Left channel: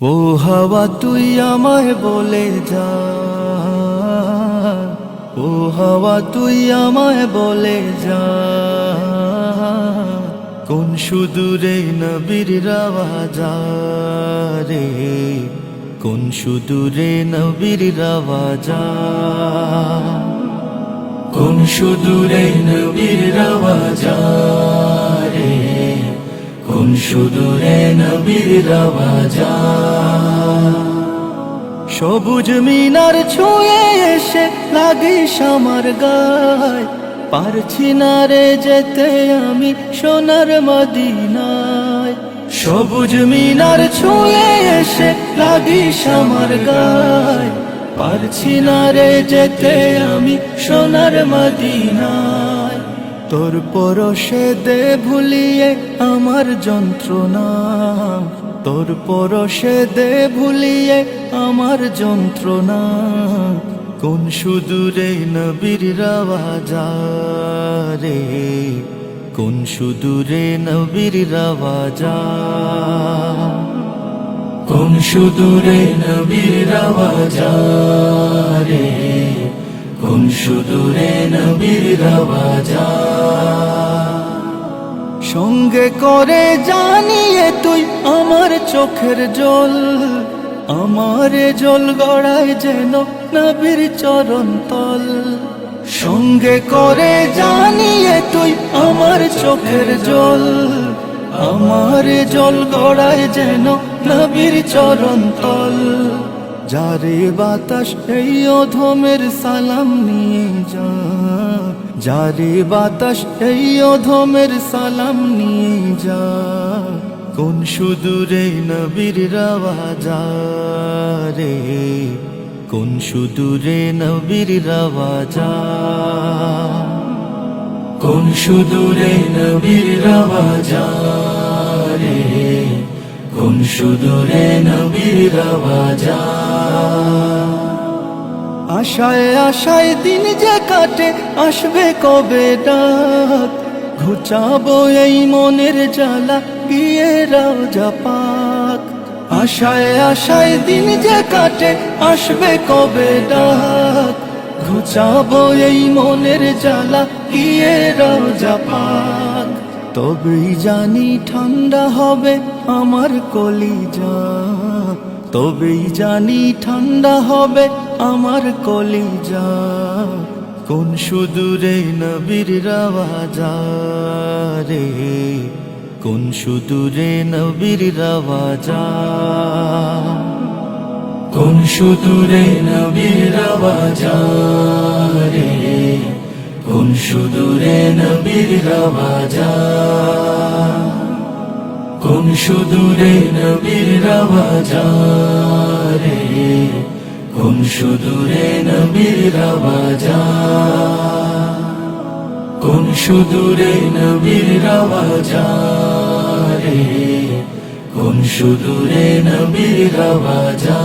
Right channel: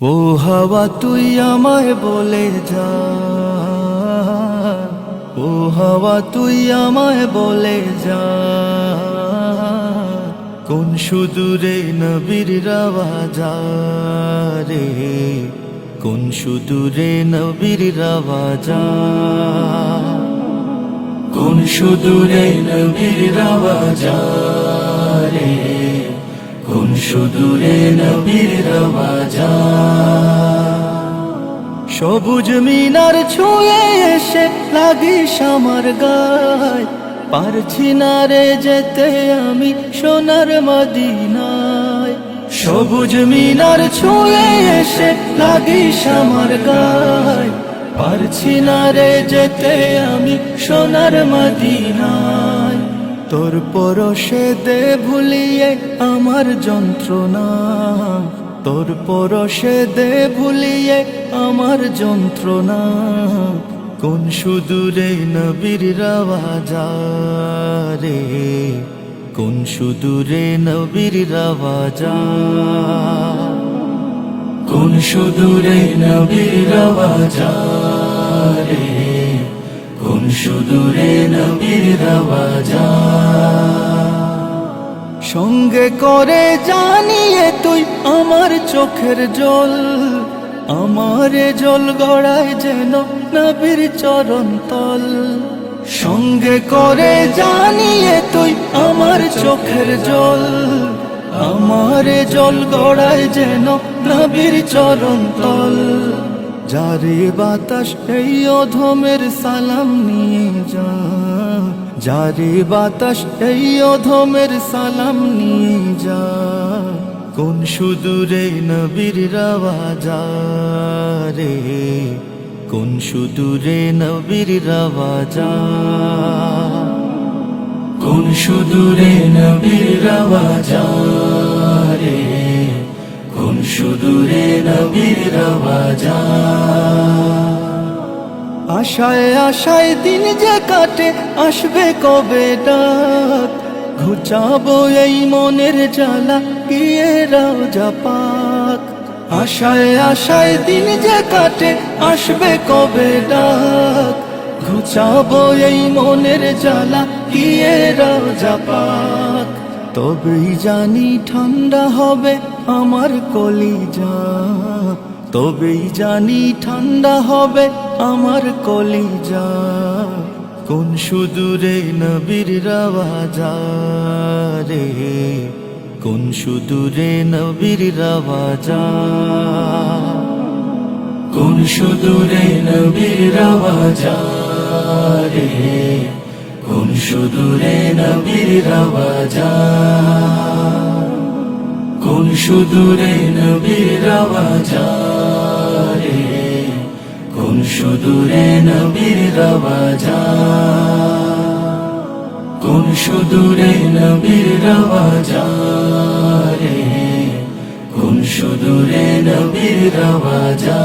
ও হাওয়া তুই আমায় বলে যা, ও হাওয়া তুই আমায় বলে যা, কোন সুদূরে নবীর রাওয়াজা রে, কোন সুদূরে নবীর রাওয়াজা, কোন সুদূরে নবীর রাওয়াজা রে, কোন সুদূরে নবীর রাওয়াজা। সবুজ মিনার ছুঁয়ে এসে লাগিস আমার গায়, পারছি না রে যেতে আমি সোনার মদিনায়। সবুজ মিনার ছুঁয়ে এসে লাগিস আমার গায়, পারছি না রে যেতে আমি সোনার মদিনায়। তোর পরশে দে ভুলিয়ে আমার যন্ত্রণা, তোর পরশে দে ভুলিয়ে আমার যন্ত্রণা, কোন সুদূরে নবীর রাওয়াজা রে, কোন সুদূরে নবীর রাওয়াজা, কোন সুদূরে নবীর রাওয়াজা রে, কোন সুদূরে নবীর রাওয়াজা। সঙ্গে করে জানিয়ে তুই আমার চোখের জল, আমার জল গড়ায় যেন নবীর চরণ তল। সঙ্গে করে জানিয়ে তুই আমার চোখের জল, আমার জল গড়ায় যেন নবীর চরণ তল। যারে বাতাস এই অধমের সালাম নিয়ে যা, যারে বাতাস এই অধমের সালাম নিয়ে যা, কোন সুদূরে নবীর রাওয়াজা রে, কোন সুদূরে নবীর রাওয়াজা, কোন সুদূরে নবীর রাওয়াজা রে, কোন সুদূরে নবীর রাওয়াজা। আশায় আশায় দিন যে কাটে আসবে কবে ডাক, ঘুচাবো এই মনের জ্বালা গিয়ে রওজা পাক। আশায় আশায় দিন যে কাটে আসবে কবে ডাক, ঘুচাবো এই মনের জ্বালা গিয়ে রওজা পাক। তবেই জানি ঠান্ডা হবে আমার কলিজা, তবেই জানি ঠান্ডা হবে আমার কলিজা, কোন সুদূরে নবীর রাওয়াজা রে, কোন সুদূরে নবীর রাওয়াজা, কোন সুদূরে নবীর রাওয়াজা রে, কোন সুদূরে নবীর রাওয়াজা, কোন সুদূরে নবীর রাওয়াজা রে, কোন সুদূরে নবীর রাওয়াজা, কোন সুদূরে নবীর রাওয়াজা রে, কোন সুদূরে নবীর রাওয়াজা।